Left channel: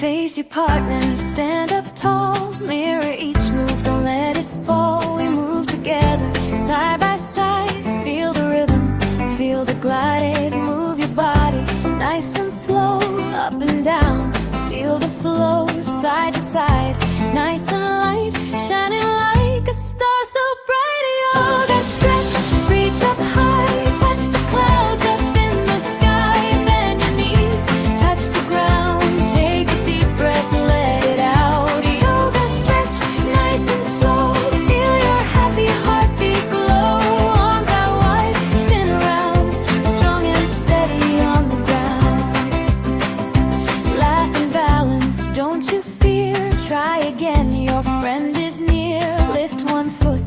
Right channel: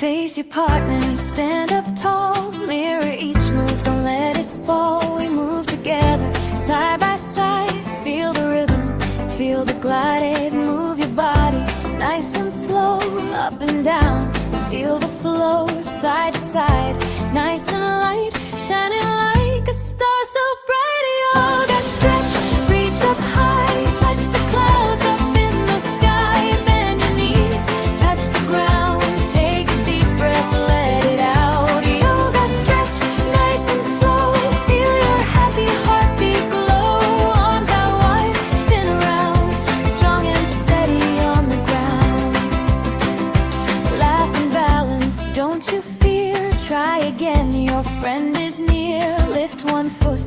Face your partner, stand up tall. Mirror each move, don't let it fall. We move together, side by side. Feel the rhythm, feel the glide. Move your body, nice and slow. Up and down, feel the flow. Side to side, nice and light. Shining like a star so bright. Yoga stretch, reach up high. Touch the clouds up in the sky. Bend your knees, touch the ground. Take a deep breath, let it out. Yoga stretch, nice and slow. Feel your happy heartbeat glow. Arms out wide, spin around. Strong and steady on the ground. Laugh and balance, don't you fear. Try again, your friend is near. Lift one foot,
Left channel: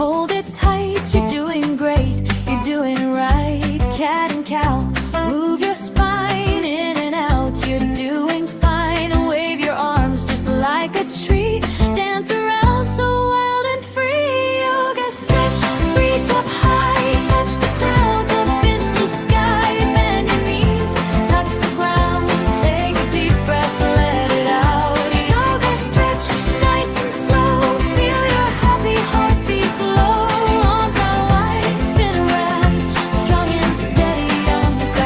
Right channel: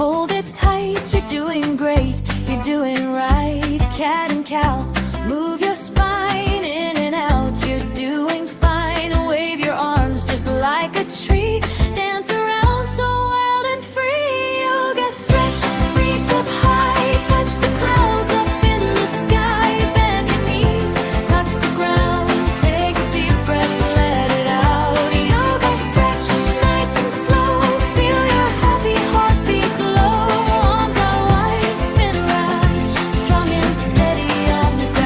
hold it tight. You're doing great, you're doing right. Cat and cow, move your spine in and out. You're doing fine. Wave your arms just like a tree. Dance around so wild and free. Yoga stretch, reach up high. Touch the clouds up in the sky. Bend your knees, touch the ground. Take a deep breath, let it out. Yoga stretch, nice and slow. Feel your happy heartbeat glow. Arms out wide, spin around. Strong and steady on the ground.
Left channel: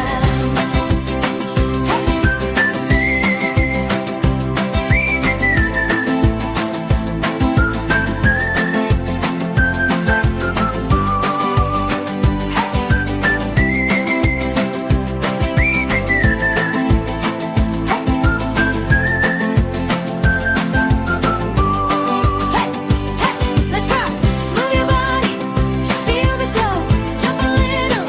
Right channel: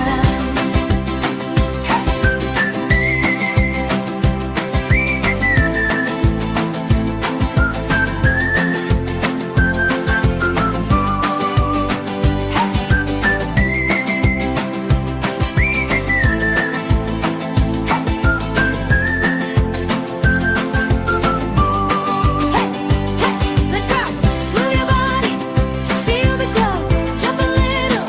Let's go! Move your body, feel the glow. Jump a little,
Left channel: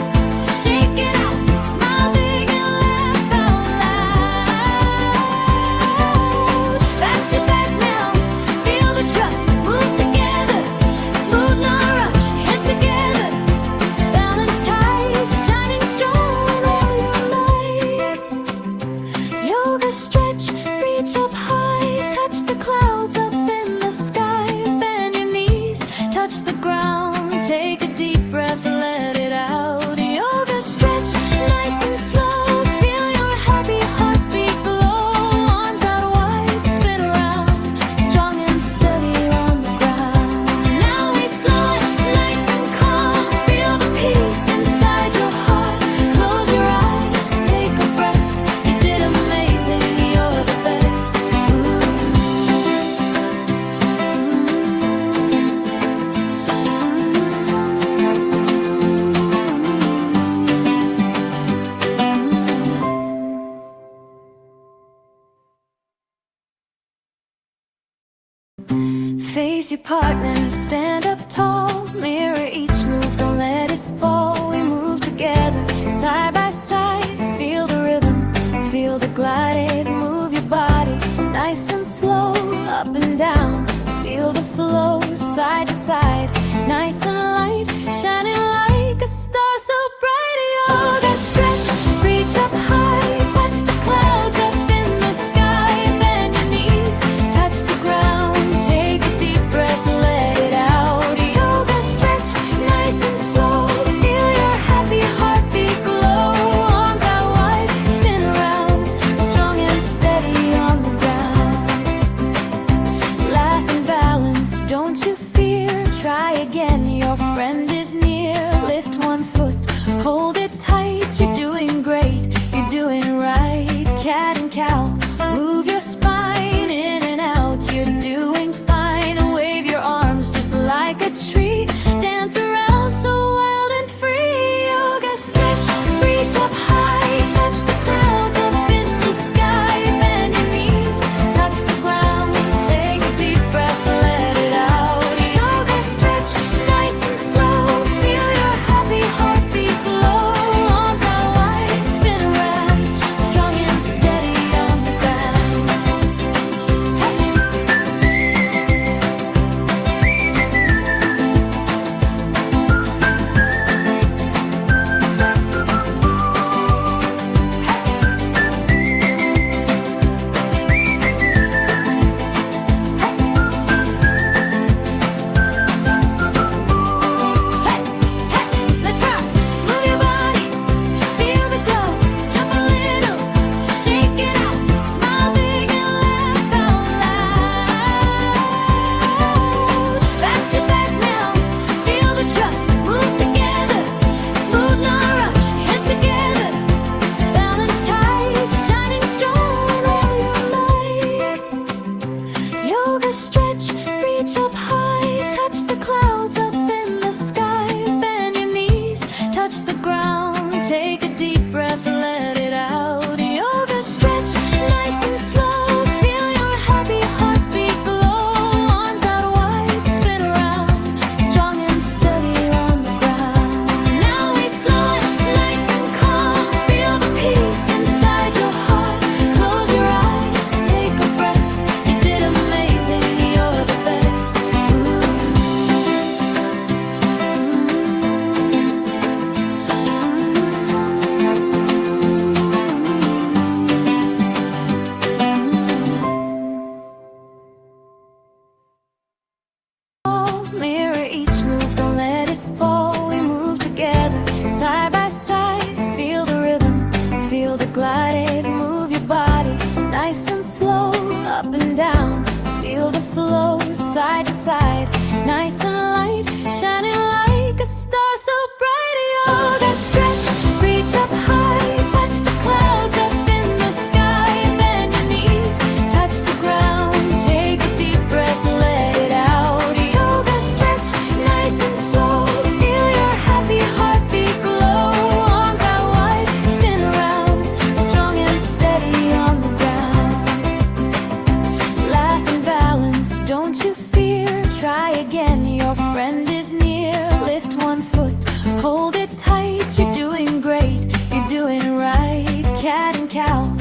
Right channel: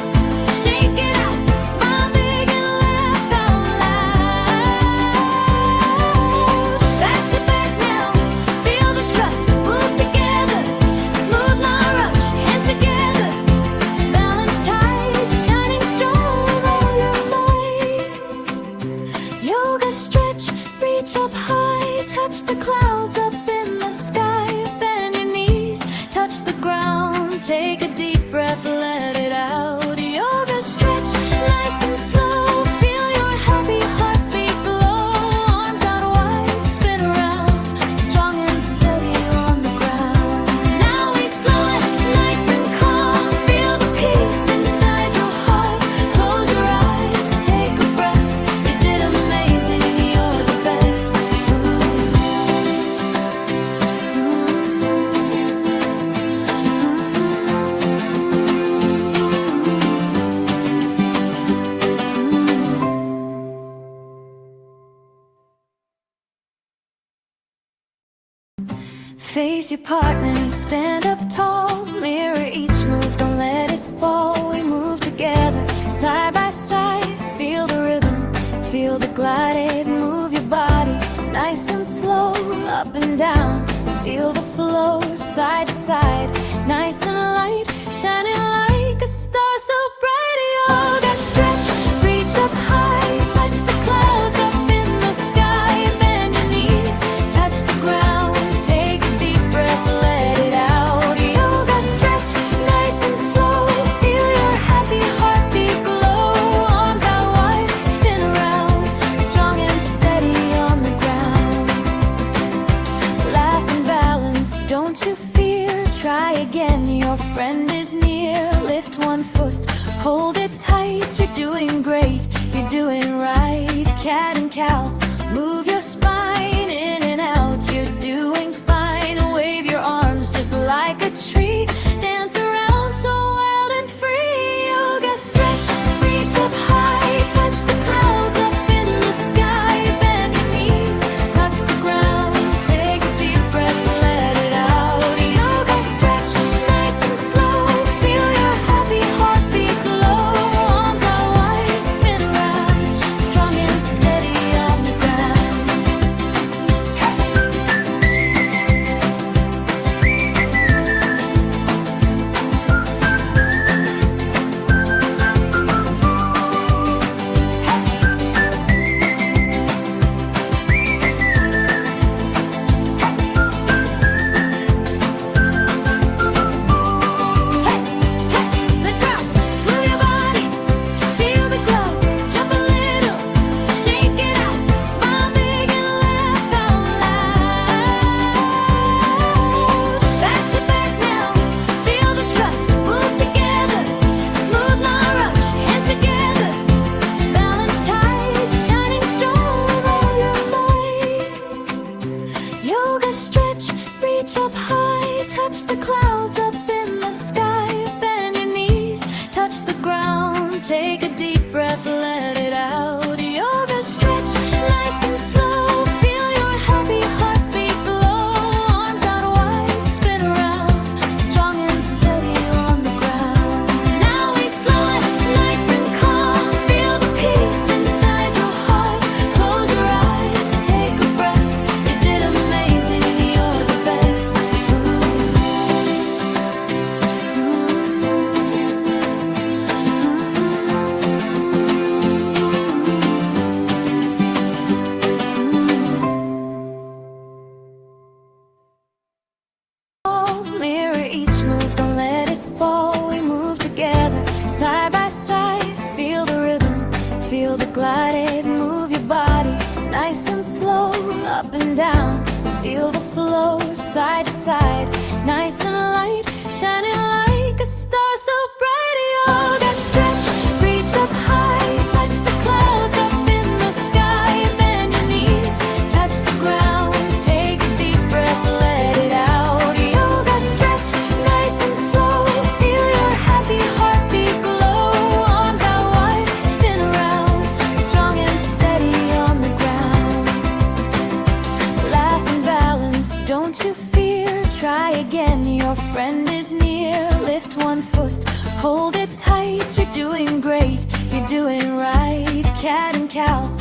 shake it out. Smile big and laugh out loud. Back to back now, feel the trust. Move together, smooth, not rushed. Hands together, balance tight. Shining strong with all your might. Yoga stretch, reach up high. Touch the clouds up in the sky. Bend your knees, touch the ground. Take a deep breath, let it out. Yoga stretch, nice and slow. Feel your happy heartbeat glow. Arms out wide, spin around. Strong and steady on the ground. Now we slow it, nice and calm. Feel the peace inside your heart. Close your eyes, take a breath. You did amazing, you're the best. Face your partner, stand up tall. Mirror each move, don't let it fall. We move together, side by side. Feel the rhythm, feel the glide. Move your body, nice and slow. Up and down, feel the flow. Side to side, nice and light. Shining like a star so bright. Yoga stretch, reach up high. Touch the clouds up in the sky. Bend your knees, touch the ground. Take a deep breath, let it out. Yoga stretch, nice and slow. Feel your happy heartbeat glow. Arms out wide, spin around. Strong and steady on the ground. Laugh and balance, don't you fear. Try again, your friend is near. Lift one foot, hold it tight. You're doing great, you're doing right. Cat and cow, move your spine in and out. You're doing fine. Wave your arms just like a tree. Dance around so wild and free. Yoga stretch, reach up high. Touch the clouds up in the sky. Bend your knees, touch the ground. Take a deep breath, let it out. Yoga stretch, nice and slow. Feel your happy heartbeat glow. Arms out wide, spin around. Strong and steady on the down. Take a deep breath, let it out. Yoga stretch, nice and slow. Feel your happy heartbeat glow. Arms out wide, spin around. Strong and steady on the ground. Now we slow it, nice and calm. Feel the peace inside your heart. Close your eyes, take a breath. You did amazing, you're the best. Mirror each move, don't let it fall. We move together, side by side. Feel the rhythm, feel the glide. Move your body, nice and slow. Up and down, feel the flow. Side to side, nice and light. Shining like a star so bright. Yoga stretch, reach up high. Touch the clouds up in the sky. Bend your knees, touch the ground. Take a deep breath, let it out. Yoga stretch, nice and slow. Feel your happy heartbeat glow. Arms out wide, spin around. Strong and steady on the ground. Laugh and balance, don't you fear. Try again, your friend is near. Lift one foot, hold it tight. You're doing great, you're doing right. Cat and cow,